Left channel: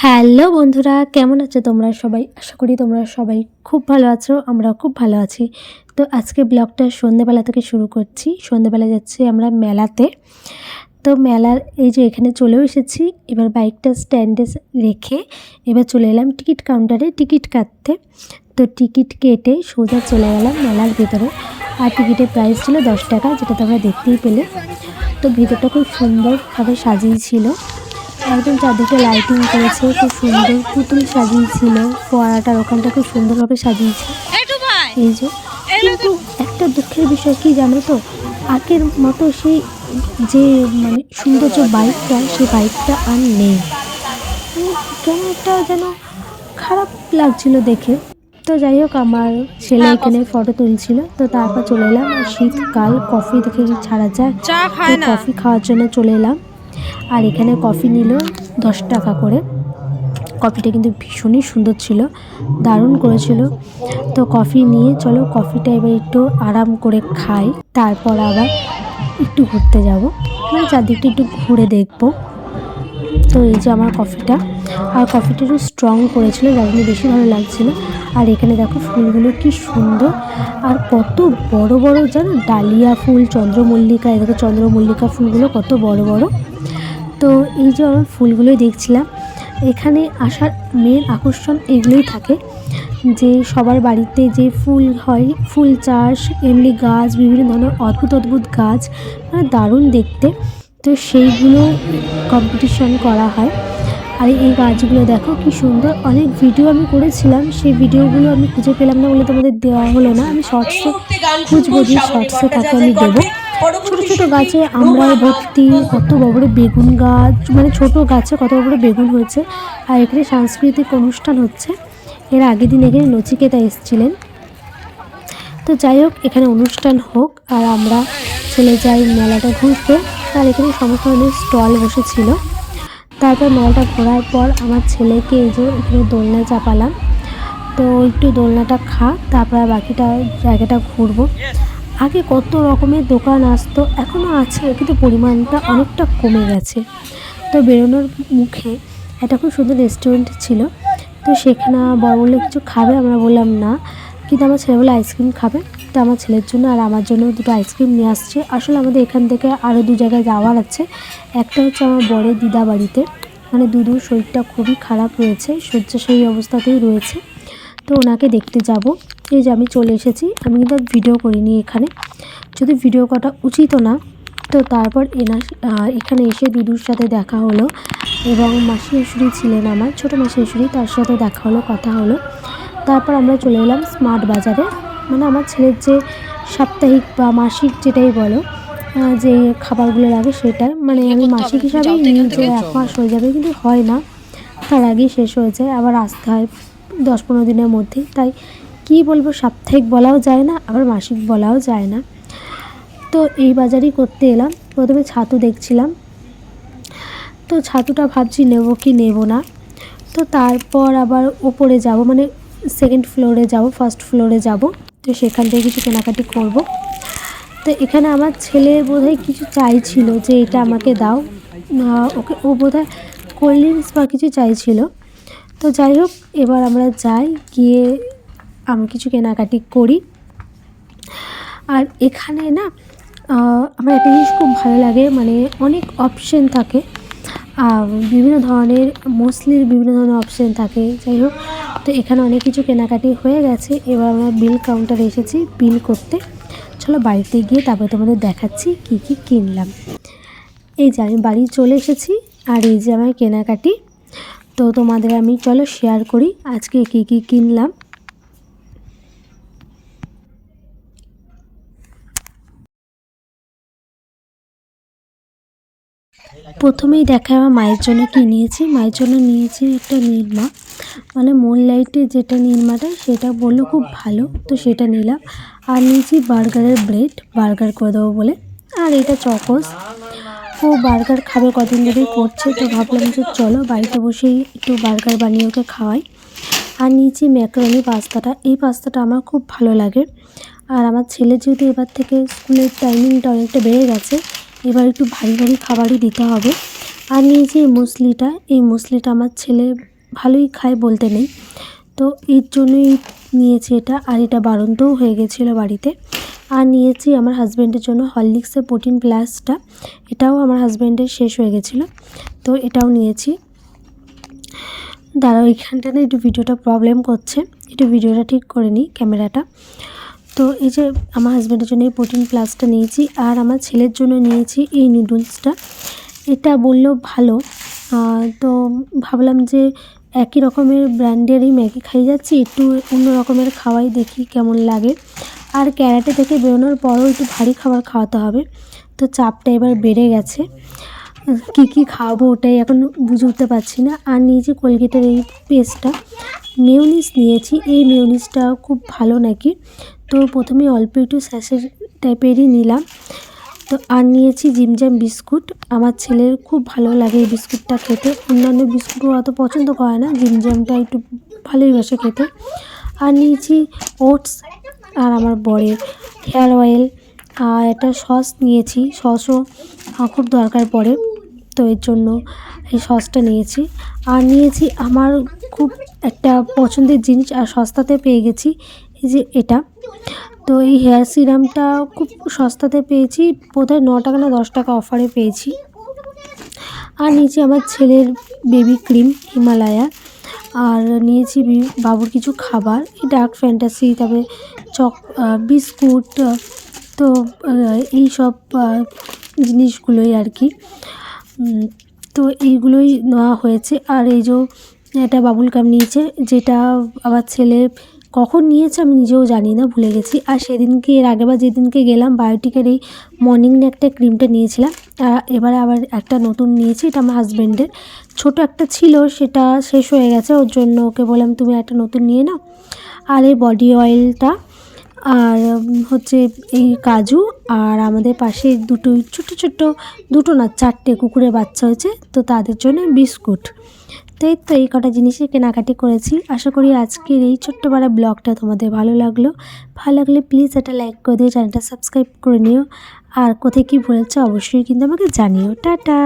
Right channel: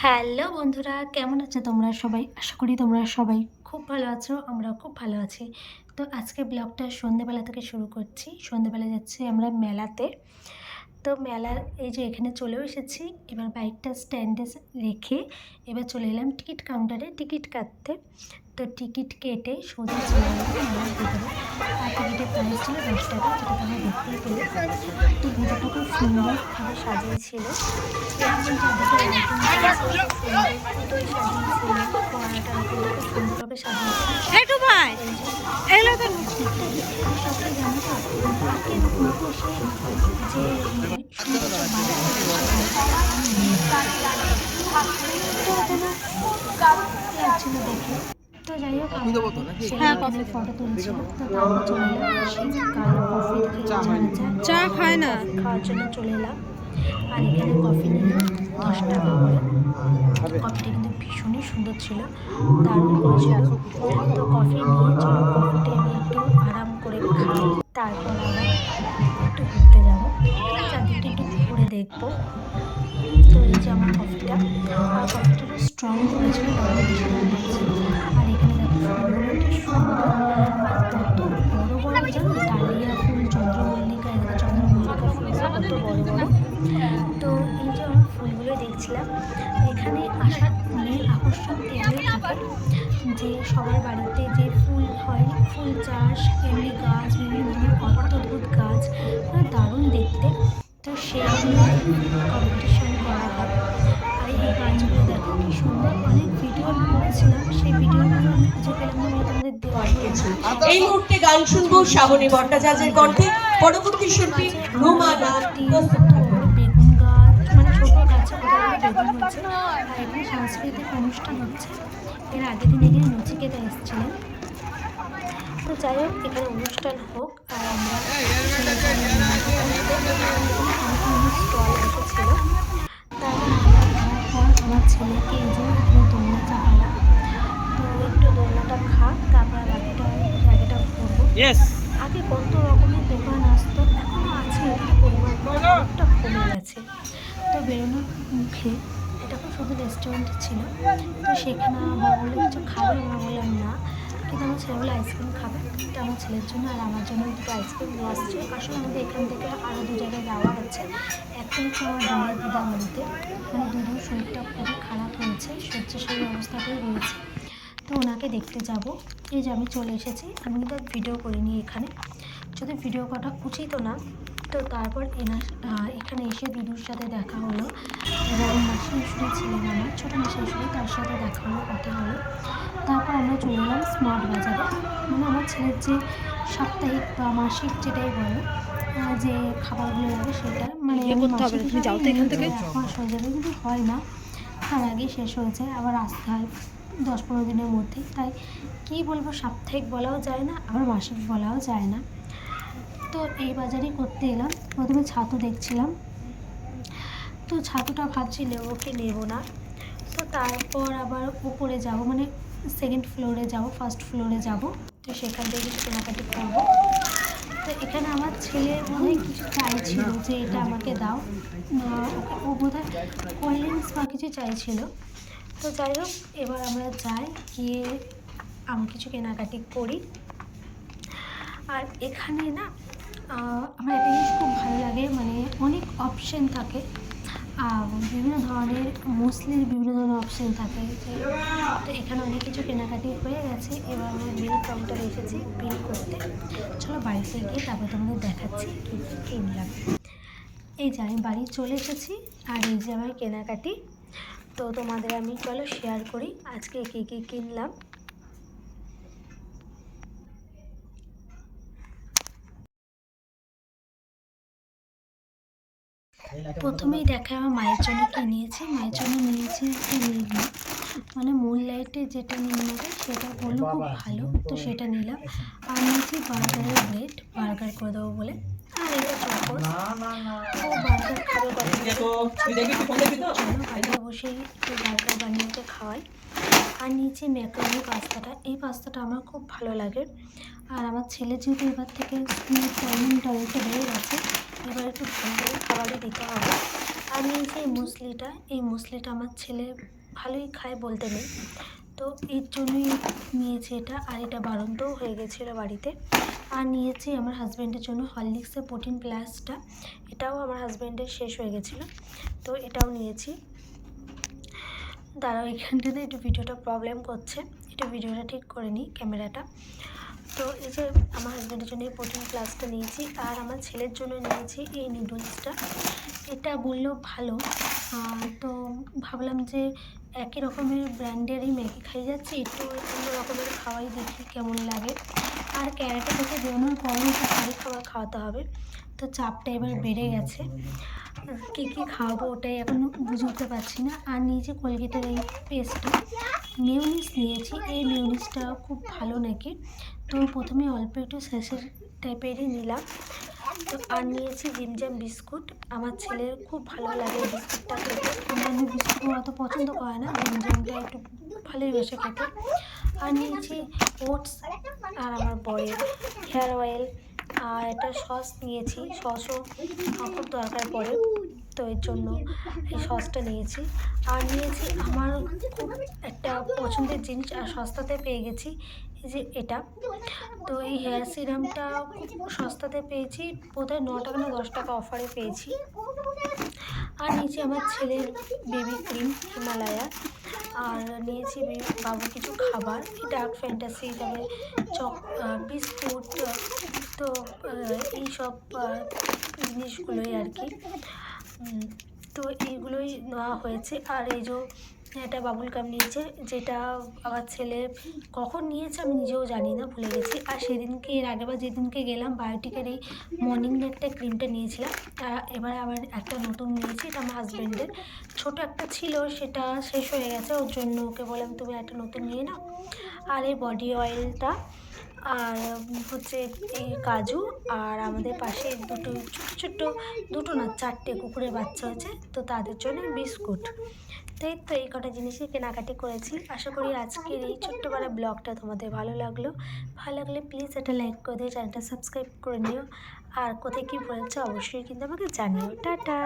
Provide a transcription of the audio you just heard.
Hello বন্ধুরা, কেমন আছো তোমরা সবাই? আশা করি তোমরা সবাই খুব ভালো আছো। আমরা খুব ভালো আছি। তো আজকে ব্লগটা সন্ধ্যেবেলা থেকে শুরু করছি। সন্ধ্যেবেলা যাচ্ছি আমরা মেলাতে। তো মেলার এই যে এখানে চলেও এসেছি। এবার বাইকটা স্ট্যান্ডে রেখে এবার চলে এলাম টিকিট কাউন্টারে টিকিট কাটতে। তো টিকিট কেটে সোজা চলে গেলাম মেলার ভেতরে। আর টিকিটের প্রাইস ছিল 10 টাকা, যেটা তোমরা দেখতেই পেলে। তো ভিতরটা খুব সুন্দরভাবে সাজিয়েছিল, একদম চারদিকে লাইটিং করেছে, খুব সুন্দর পুতুল সাজিয়েছিল। ফোয়ারাটার ওখানটা খুব সুন্দরভাবে সাজিয়েছে। এই যে কিন্তু একটা দুঃখের বিষয় কি জানো তো, আগের মতো সেই যে মানে সৌন্দর্য বাইকটা, সেই বাইকটা আর নেই। কেমন একটা যেন খারাপ লাগছিল দেখে। তো যাই হোক, আমার ছেলে এখানে ফটো তুলছিল। তো তারপর চলে এলাম, আর শীতকাল কফি দেখে ছাড়া যায়, কফি খাওয়ার জন্য চলে এলাম। আর এখানে কফি নিল 10 টাকা করে। কফিটা কিন্তু ভীষণই সুন্দর ছিল, দারুণ করেছিল। তো কফি নিয়ে চলো কফিটা এবার একটু আরাম করে খাই, তারপর আবার একটু ঘুরতে যাব, মানে চারদিকটা একটু ঘুরে দেখবো। তো এই যে আমার কফিটা, আর কফিটা একটু স্ট্রং করেছিল, যার জন্য বেশি ভালো লাগছিলো। আর এখানে দেখো ফুলগুলো কি সুন্দর, আর কত বড় বড় জানো, ডালিয়া ফুল, চন্দ্রমল্লিকা, এই দেখো চন্দ্রমল্লিকা ফুলগুলো কত বড় বড়। তো এই যে আমি ফুলগুলোই দেখছিলাম। এখানে আসার মেন আকর্ষণ এগুলোই থাকে, যে সবার বাড়িতে যে ফুল হয়, ফুল চাষ, এমনি গাছ, বিভিন্ন ধরনের অদ্ভুত অদ্ভুত গাছ, মানে দারুণ দেখতে। তো সেইগুলো কম্পিটিশন করা হয়। আর এই গাছগুলো দেখো কি সুন্দর। অনেক ভিডিও আমি করেছিলাম, সেই ভিডিওগুলো আমি খুঁজে পেলাম না বলে তোমাদের দেওয়া হলো না। আমি শর্টসে খুঁজবো, যে শর্টসে থাকে আমি দেবো। ছোটো ছোটো গাছে আমরা ভর্তি, কত বড় বড় বেগুন গাছ, মানে ছোটো গাছে কত বড় বেগুন হয়েছে। আর এখানে সাংস্কৃতিক অনুষ্ঠান হচ্ছে। এর আগের দিন এখানে নচিকেতা এসেছিলেন। তো যাই হোক, এখানে অনুষ্ঠান হোক আর আমরা চলে যাই মেলাটা ঘুরতে। আর এখানে সমস্ত ধরনের স্টল বসেছিল। তারপর মেলাটা ঘোরার পর আমার ছেলেকে এই যে এখানে দোলনা চাপালাম। তো একটু দোলনাটা খা, তারপর বাকিটা জায়গাটা ঘুরবো। আগে কত রকমের দোকান আসতো, এখনও আছে, কিন্তু পরিমাণটা অনেকটা কমে গেছে। তো বেরোনোর মুখে একটা খুব সুন্দর রেস্টুরেন্ট ছিল। তো সেখানে বড় বললো কিছু খাবে, আমরা বললাম না, কিন্তু আমার ছেলে বলে আইসক্রিম খাবে। তো আমার ছেলের জন্য আর আমার জন্য দুটো আইসক্রিম নিয়ে আসছে। আসলে আমাদের এখান থেকে আরও 2 জায়গায় যাওয়ার আছে। একটা হচ্ছে আমার বড়ের দিদা বাড়িতে, মানে দুদুর শরীরটা খুবই খারাপ রয়েছে, শয্যাশায়ী অবস্থাতেই রয়েছে। তো ওনাকে দেখতে যাব। এই যে আমি চলে এসেছি। আমি কিন্তু ভিডিও করিনি এখানে, যদি ভিডিও করা উচিতও না। তো তারপর এখানে এসে দুদুর সাথে দেখা হলো, এবং মাসি শাশুড়ি ছিলেন, আমার ছোটো মাসি শাশুড়ি, তার সাথে দেখা হলো, কথা হলো। তারপর আমরা চলে এলাম স্মার্ট বাজারে, মানে আমার ছেলের যে সাপ্তাহিক বা মাসিক যেটাই বলো, যে খাবারগুলো লাগে সেটা, মানে আমি মাসিক হিসাবে নিই যে 1 মাস হয়ে যাবে, কিন্তু হয় না, তার আগেই শেষ হয়ে যায়, আবার আসতে হয় 10-15 দিনের মধ্যেই। তাই কী বলবো, সাপ্তাহিক বলাও যায় না, আবার মাসিক বলাও যায় না। তো এই বাজারই করতে এলাম। প্রথমে ছাতু দেখছিলাম, তো ছাতুটা ভাবছি নেব কি নেব না। তো তারপর আবার ওপরে যাব, মানে সেকেন্ড ফ্লোরে যাব, ফার্স্ট ফ্লোরে যাব। তো সেখান থেকে কিছু কেনাকাটি করব। তো এখানে আমার ছেলে বোধহয় কিছু চাইছিল, যে এটা আমাকে দাও, ওকে, ও বোধহয় কোল্ড ড্রিঙ্কস বা কিছু চাইছিল। তো যাই হোক, এবার আমরা যাই, গিয়ে আমি কিছু কেনাকাটি করি। আর এখানে না আমার একটা জিনিস খুব ভালো লাগে, মানে অনেক অপশন থাকে, বিভিন্ন ধরনের মছলির বিভিন্ন ধরনের অপশন থাকে। যাই হোক, তো এখানে অনেক কিছু কেনাকাটি হয়ে গেছে। এবার আমরা বিল কাউন্টারে এসেছি বিল করতে। চলো বাড়িতে গিয়ে তারপর তোমাদের দেখাচ্ছি কী কী কিনলাম। এই যে আমি বাড়ি চলে এসেছি, আর এই যে আমার কেনাকাটি। তো তোমাদের আমি চলো শেয়ার করি আজকে কী কী কিনলাম। প্রথমেই দেখায় আমার মায়ের জন্য কী নিয়েছি। মায়ের জন্য নিয়েছি একটা নিরমা, মানে মুন লাইটের যেটা নিরমাটা, সেটা বললো খুব ভালো, তো সেটা নিলাম। আর নিয়েছি বার্গারের ব্রেড, বার্গার করে দেবো বলে। আর এটা চকোস, ও বার্গার খাবে, কদিন ধরেই করছে, তো ভাবলাম যে চলো বাড়িতে বসেই একটু বার্গার বানিয়ে ওকে খাওয়াই। আর নিয়েছি ম্যাকারনি পাস্তাটা, এই পাস্তাটা আমার খুব ভালো লাগে। আর আমার ছেলে যেহেতু এবার থেকে স্কুলের টাইমিংটা অনেকটা বেড়ে গেছে, এবার একটু ভারী ভারী খাবারই দিতে হবে। আর নিয়েছি এই মুসলিটা আমার ছেলে ভালোই খায় বলতে নেই, তো এর জন্যই নিয়েছি এটা। আর এটা বাড়ন্তও হয়ে গেছিলো বাড়িতে। আর নিয়েছি আমার হাজব্যান্ডের জন্য হরলিক্সের প্রোটিন প্লাসটা, এটাও আমার হাজব্যান্ডের শেষ হয়ে গেছিলো, তো এটাও নিয়েছি। দাঁড়াও, এইখানটা না একটু ভিডিওটা প্রবলেম করছে, একটু ভিডিওটা ঠিক করে নিই ক্যামেরাটা। তো এই যে আমার হাজব্যান্ডের জন্য এই প্রোটিন প্লাসটা নিয়েছি, আর আমার ছেলের জন্য নিয়েছি এই নুডলসটা। এটা বললো ভালো, তো ভাবলাম যে একই রকমের ব্র্যান্ডেরই ম্যাগি খাই যাচ্ছি, একটু অন্য রকমের খাওয়াই দেখি কেমন লাগে। আর ক্যারাটে থেকে বেরোনোর পরও একটু ভারী খাবার খাওয়াতে হবে, তো চাপটা এবার বেড়ে গেছে। কী খাওয়াবো ওটাই এখন বুঝে উঠতে পারছি না। আর নিয়েছি কোলগেটের এই পেস্টটা, মেয়োনিজ নিয়েছি, এই মেয়োনিজটা খুব ভালো নাকি, তো প্রথমে অল্প একটু স্যাশে টাইপেরই নিলাম। তো আর নিয়েছি জিমজাম বিস্কুট, আমার ছেলের খুব ভালো লাগে এই বিস্কুটটা খেতে, অন্যান্য বিস্কুটও অত পছন্দ করে না, জিমজামটা একটু ভালোই বাসে খেতে। আর নিয়েছি ওটস, আর আমার বরের হেয়ার অয়েল, আর একটা সস নিয়েছি, সসও খুব দরকার পড়ে, তো এর জন্য এই সসটা নিয়েছি। আর নিয়েছি আমার খুব একটা পছন্দের জিনিস, আর সস্তাতে পেয়ে গেছি, এই যে এটা। তো এই হেয়ার সিরামটা খুব সস্তাতে পেয়েছি, বোধহয় 9 টাকা না 10 টাকা অফারে পেয়েছি। আর নিয়েছি আমার ছেলের বেবি ক্রিম হিমালয়া, আর নিয়েছি বাবুর কিছু খাবার, এই ডার্ক ফ্যান্টাসি, তারপরে বিস্কুট, তো এই সব জিনিসগুলোই আর কি, তো এইগুলোই নেওয়া হয়েছে। আর এই যে একটা বাবুল গাম নিয়েছে, যেটা আমার ছেলে কখন নিয়েছে আমি নিজেও জানি না, ভুলে গেছি। আর সেদিনকে এর আগেবার যেদিনকে গেলাম বায়োটিকের এই মর্নিং একটা ক্রিমটা নিয়েছিলাম, আর এবারে আবার একটা নতুন নিয়েছি, এটা আমার হাজব্যান্ডের। ছোটো একটা ছিল, সেটা শেষ হয়ে গেছে, ওর জন্য ওকে বললাম তুমি একটা নতুন নিয়ে নাও। আর এই বডি অয়েলটা, আর হচ্ছে এই কাজু, আর আমাদের পাশে ছোটো দুটো না 4টে কুকুরের বাচ্চা হয়েছে, তো তাদের জন্য বিস্কুট। তো এই কটা জিনিসের কেনাকাটি করেছি। আশা করি আজকের এই ছোট্ট পাড়া ব্লগটা তোমাদের ভালো লাগলো প্লিজ একটা লাইক করে দিও, চ্যানেলটা সাবস্ক্রাইব করে নিও। আর কোথায় কী বলেছো অবশ্যই কিন্তু আমাকে জানিও। টাটা।